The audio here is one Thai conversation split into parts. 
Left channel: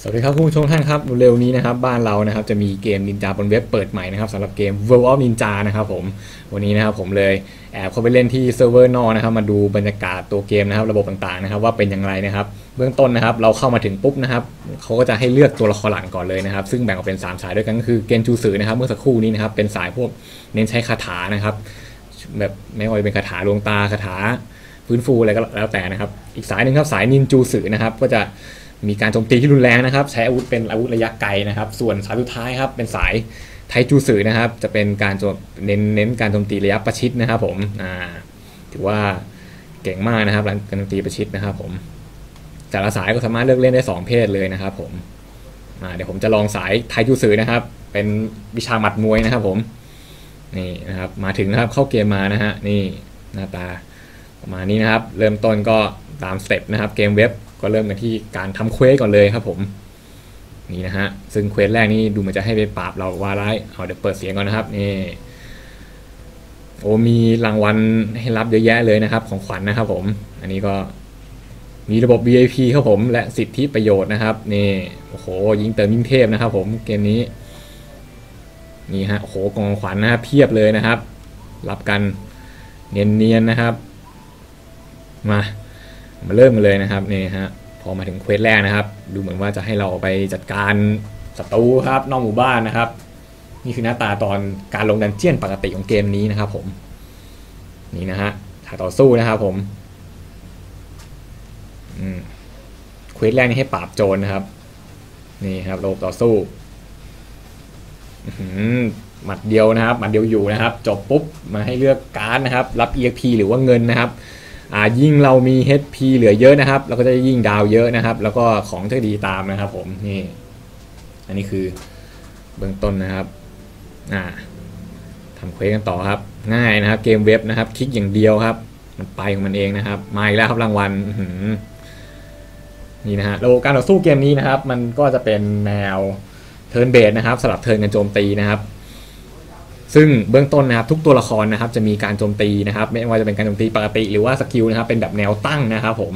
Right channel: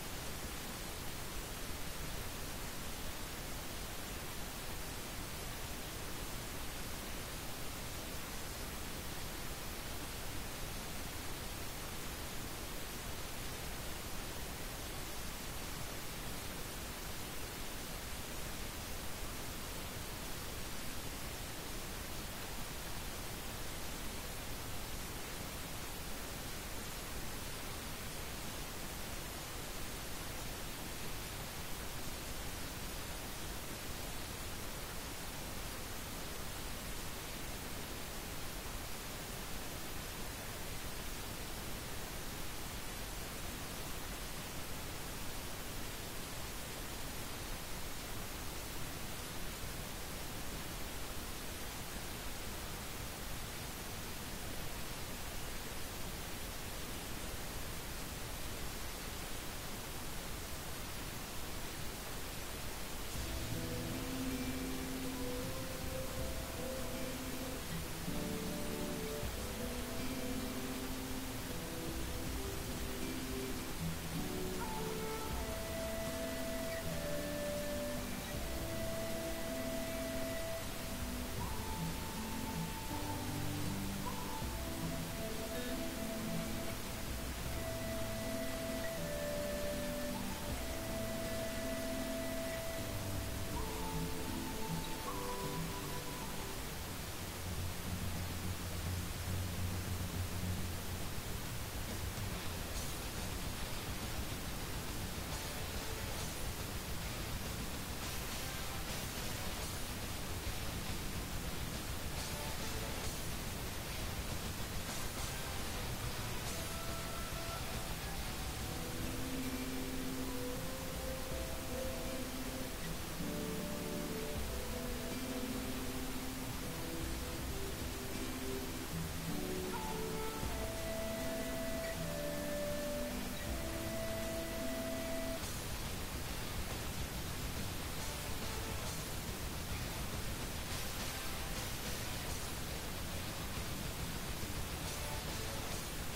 สวัสดีครับคุณผู้ชมท่านครับเร็วนี้นะครับบ้านเรานะครับจะมีเกมนินจาบนเว็บเปิดใหม่นะครับสำหรับเกม World of Ninja นะครับผมวันนี้นะครับผมเลยแอบเข้าไปเล่นที่เซิร์ฟเวอร์นอกนะครับมาดูบรรยากาศตัวเกมนะครับระบบต่างๆนะครับว่าเป็นอย่างไรนะครับเบื้องต้นนะครับเราเข้ามาถึงปุ๊บนะครับเขาก็จะให้เลือกตัวละครหลักก่อนเลยนะครับซึ่งแบ่งออกเป็น 3 สายด้วยกันก็คือเกนจูสือนะครับเมื่อสักครู่นี้นะครับเป็นสายพวกเน้นใช้คาถานะครับแบบไม่ว่าจะเป็นคาถาลวงตาคาถาฟื้นฟูอะไรก็แล้วแต่นะครับอีกสายหนึ่งครับสายนินจูสือนะครับก็จะ มีการโจมตีที่รุนแรงนะครับ ใช้อาวุธเป็นอาวุธระยะไกลนะครับ ส่วนสายสุดท้ายครับเป็นสายไทจูสือนะครับ จะเป็นการโจมเน้นเน้นการโจมตีระยะประชิดนะครับผมอ่าถือว่าเก่งมากนะครับการโจมตีประชิดนะครับผมแต่ละสายก็สามารถเลือกเล่นได้สองเพศเลยนะครับผมอ่าเดี๋ยวผมจะลองสายไทจูสือนะครับ เป็นวิชาหมัดมวยนะครับผมนี่นะครับมาถึงนะครับเข้าเกมมานะฮะนี่หน้าตาประมาณนี้นะครับ เริ่มต้นก็ตามสเต็ปนะครับเกมเว็บ ก็เริ่มกันที่การทำเควสก่อนเลยครับผมนี่นะฮะซึ่งเควสแรกนี่ดูเหมันจะให้ไปปราบเราว่าร้ายเอาเดี๋ยวเปิดเสียงก่อนนะครับนี่โอ้มีรางวัลให้รับเยอะแยะเลยนะครับ ของขวัญนะครับผม อันนี้ก็มีระบบ VIP ครับผม และสิทธิประโยชน์นะครับนี่โอ้โหยิงเติมยิ่งเทพนะครับ ผมเกมนี้นี่ฮะโอ้โหกองขวัญนะครับเพียบเลยนะครับ รับกันเนียนๆนะครับ มา มาเริ่มกันเลยนะครับนี่ฮะพอมาถึงเควสแรกนะครับ ดูเหมือนว่าจะให้เราไปจัดการศัตรูครับนอกหมู่บ้านนะครับ นี่คือหน้าตาตอนการลงดันเจียนปกติของเกมนี้นะครับผมนี่นะฮะถ้าต่อสู้นะครับผมเควสแรกนี่ให้ปราบโจรนะครับ นี่ครับระบต่อสู้หมัดเดียวนะครับหมัดเดียวอยู่นะครับ จบปุ๊บมาให้เลือกการ์ดนะครับ รับ EXP หรือว่าเงินนะครับ ยิ่งเรามี HP เหลือเยอะนะครับ เราก็จะยิ่งดาวเยอะนะครับ แล้วก็ของจะดีตามนะครับผมนี่อันนี้คือเบื้องต้นนะครับอ่าทำเควสกันต่อครับ ง่ายนะครับ เกมเว็บนะครับ คลิกอย่างเดียวครับมันไปของมันเองนะครับมาอีกแล้วครับรางวัลนี่นะฮะระบบการต่อสู้เกมนี้นะครับ มันก็จะเป็นแนวเทิร์นเบสนะครับสลับเทิร์นกันโจมตีนะครับ ซึ่งเบื้องต้นนะครับทุกตัวละครนะครับจะมีการโจมตีนะครับ ไม่ว่าจะเป็นการโจมตีปกติหรือว่าสกิลนะครับเป็นแบบแนวตั้งนะครับผม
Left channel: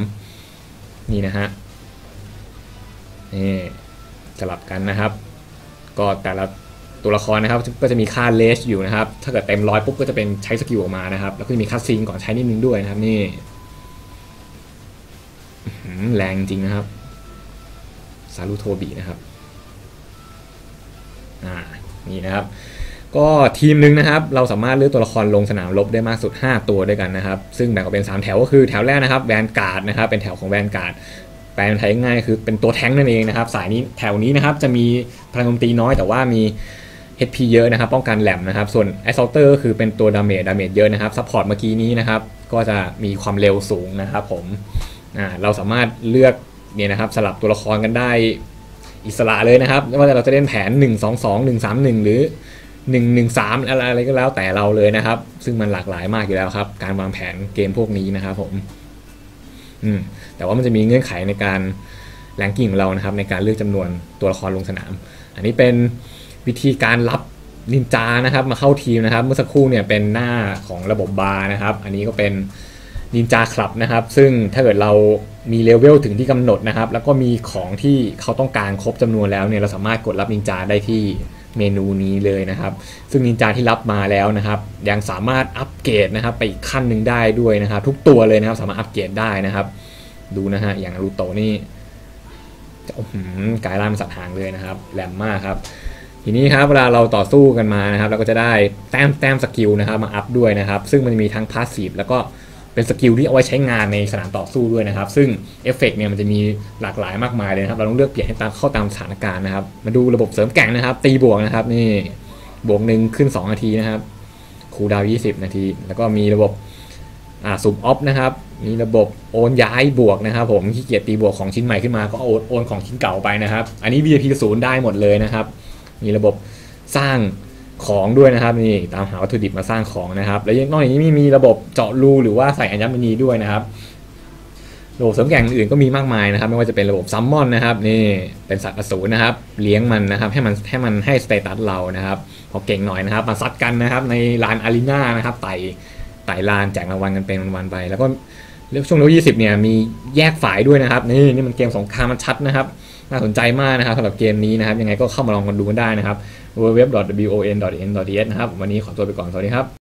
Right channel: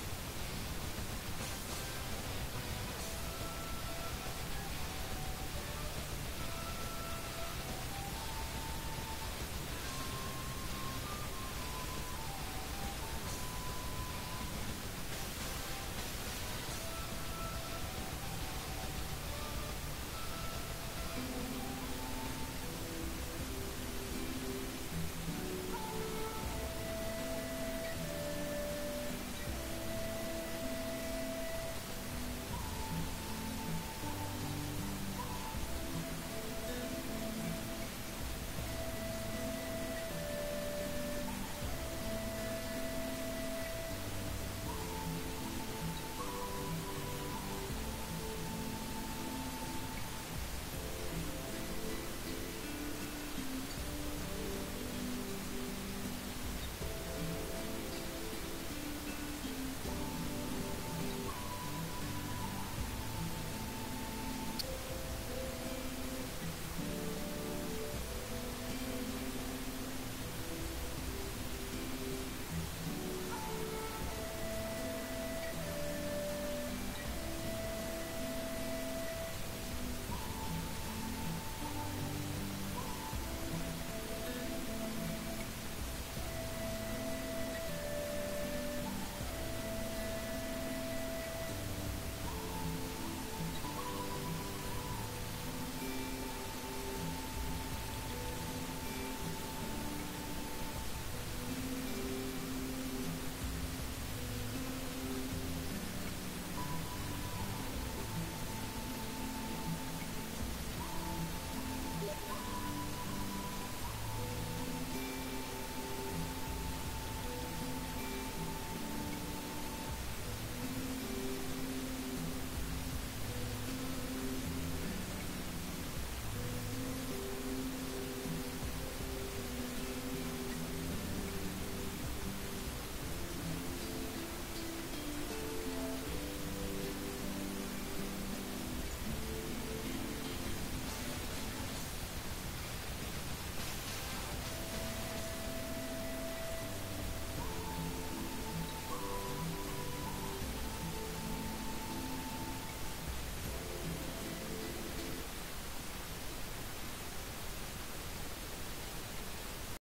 นี่นะฮะนี่สลับกันนะครับ ก็แต่ละตัวละครนะครับก็จะมีค่าเลสอยู่นะครับ ถ้าเกิดเต็มร้อยปุ๊บก็จะเป็นใช้สกิลออกมานะครับ แล้วก็จะมีค่าซีนก่อนใช้นิดนึงด้วยนะครับนี่แรงจริงนะครับซารุโทบีนะครับอ่านี่นะครับ ก็ทีมหนึ่งนะครับเราสามารถเลือกตัวละครลงสนามรบได้มากสุด 5 ตัวด้วยกันนะครับ ซึ่งแบ่งออกเป็น 3 แถวก็คือแถวแรกนะครับแวนการ์ดนะครับเป็นแถวของแวนการ์ดแปลเป็นไทยง่ายคือเป็นตัวแท้งนั่นเองนะครับ สายนี้แถวนี้นะครับจะมีพลังโจมตีน้อยแต่ว่ามี HP เยอะนะครับ ป้องกันแหลมนะครับ ส่วน Assaulter ก็คือเป็นตัวดาเมจดาเมจเยอะนะครับซัพพอร์ตเมื่อกี้นี้นะครับ ก็จะมีความเร็วสูงนะครับผมเราสามารถเลือกเนี่ยนะครับสลับตัวละครกันได้อิสระเลยนะครับไม่ว่าเราจะเล่นแผน 1 2 2 1 3 1 หรือ 1 1 3อะไรอะไรก็แล้วแต่เราเลยนะครับ ซึ่งมันหลากหลายมากอยู่แล้วครับ การวางแผนเกมพวกนี้นะครับผมอืมแต่ว่ามันจะมีเงื่อนไขในการแรงกิ้งของเรานะครับ ในการเลือกจำนวนตัวละครลงสนาม อันนี้เป็นวิธีการรับนินจานะครับมาเข้าทีมนะครับ เมื่อสักครู่เนี่ยเป็นหน้าของระบบบาร์นะครับ อันนี้ก็เป็นนินจาคลับนะครับ ซึ่งถ้าเกิดเรามีเลเวลถึงที่กำหนดนะครับ แล้วก็มีของที่เขาต้องการครบจำนวนแล้วเนี่ยเราสามารถกดรับนินจาได้ที่ เมนูนี้เลยนะครับ ซึ่งนินจาที่รับมาแล้วนะครับ ยังสามารถอัปเกรดนะครับไปอีกขั้นหนึ่งได้ด้วยนะครับ ทุกตัวเลยนะครับสามารถอัปเกรดได้นะครับ ดูนะฮะอย่างรูโตนี่กายล่างสัตว์หางเลยนะครับแหลมมากครับ ทีนี้ครับเวลาเราต่อสู้กันมานะครับ เราก็จะได้แต้มแต้มสกิลนะครับมาอัพด้วยนะครับ ซึ่งมันจะมีทั้งพาสซีฟแล้วก็ เป็นสกิลที่เอาไว้ใช้งานในสนามต่อสู้ด้วยนะครับ ซึ่งเอฟเฟกเนี่ยมันจะมีหลากหลายมากมายเลยนะครับ เราต้องเลือกเปลี่ยนให้ตามเข้าตามสถานการณ์นะครับ มาดูระบบเสริมแก่งนะครับ ตีบวกนะครับนี่บวกหนึ่งขึ้น 2 นาทีนะครับคูดาวน์20 นาที แล้วก็มีระบบอ่าซูมออฟนะครับ มีระบบโอนย้ายบวกนะครับ ผมขี้เกียจตีบวกของชิ้นใหม่ขึ้นมาก็โอนโอนของชิ้นเก่าไปนะครับ อันนี้ VIP ศูนย์ได้หมดเลยนะครับ มีระบบสร้าง ของด้วยนะครับนี่ตามหาวัตถุดิบมาสร้างของนะครับ แล้วยังนอกจากนี้มีมีระบบเจาะรูหรือว่าใส่อัญมณีด้วยนะครับระบบเสริมแก่งอื่นก็มีมากมายนะครับ ไม่ว่าจะเป็นระบบซัมมอนนะครับนี่เป็นสัตว์อสูรนะครับ เลี้ยงมันนะครับ ให้มันให้มันให้สเตตัสเรานะครับพอเก่งหน่อยนะครับ มาซัดกันนะครับ ในลานอารีนานะครับไต่ไต่ลานแจกรางวัลกันเป็นวันๆไป แล้วก็เรื่องช่วงเลเวล20เนี่ยมีแยกฝ่ายด้วยนะครับ นี่นี่มันเกมสงครามมันชัดนะครับ น่าสนใจมากนะครับสำหรับเกมนี้นะครับ ยังไงก็เข้ามาลองกันดูกันได้นะครับ www.won.n.ds นะครับ วันนี้ขอตัวไปก่อน สวัสดีครับ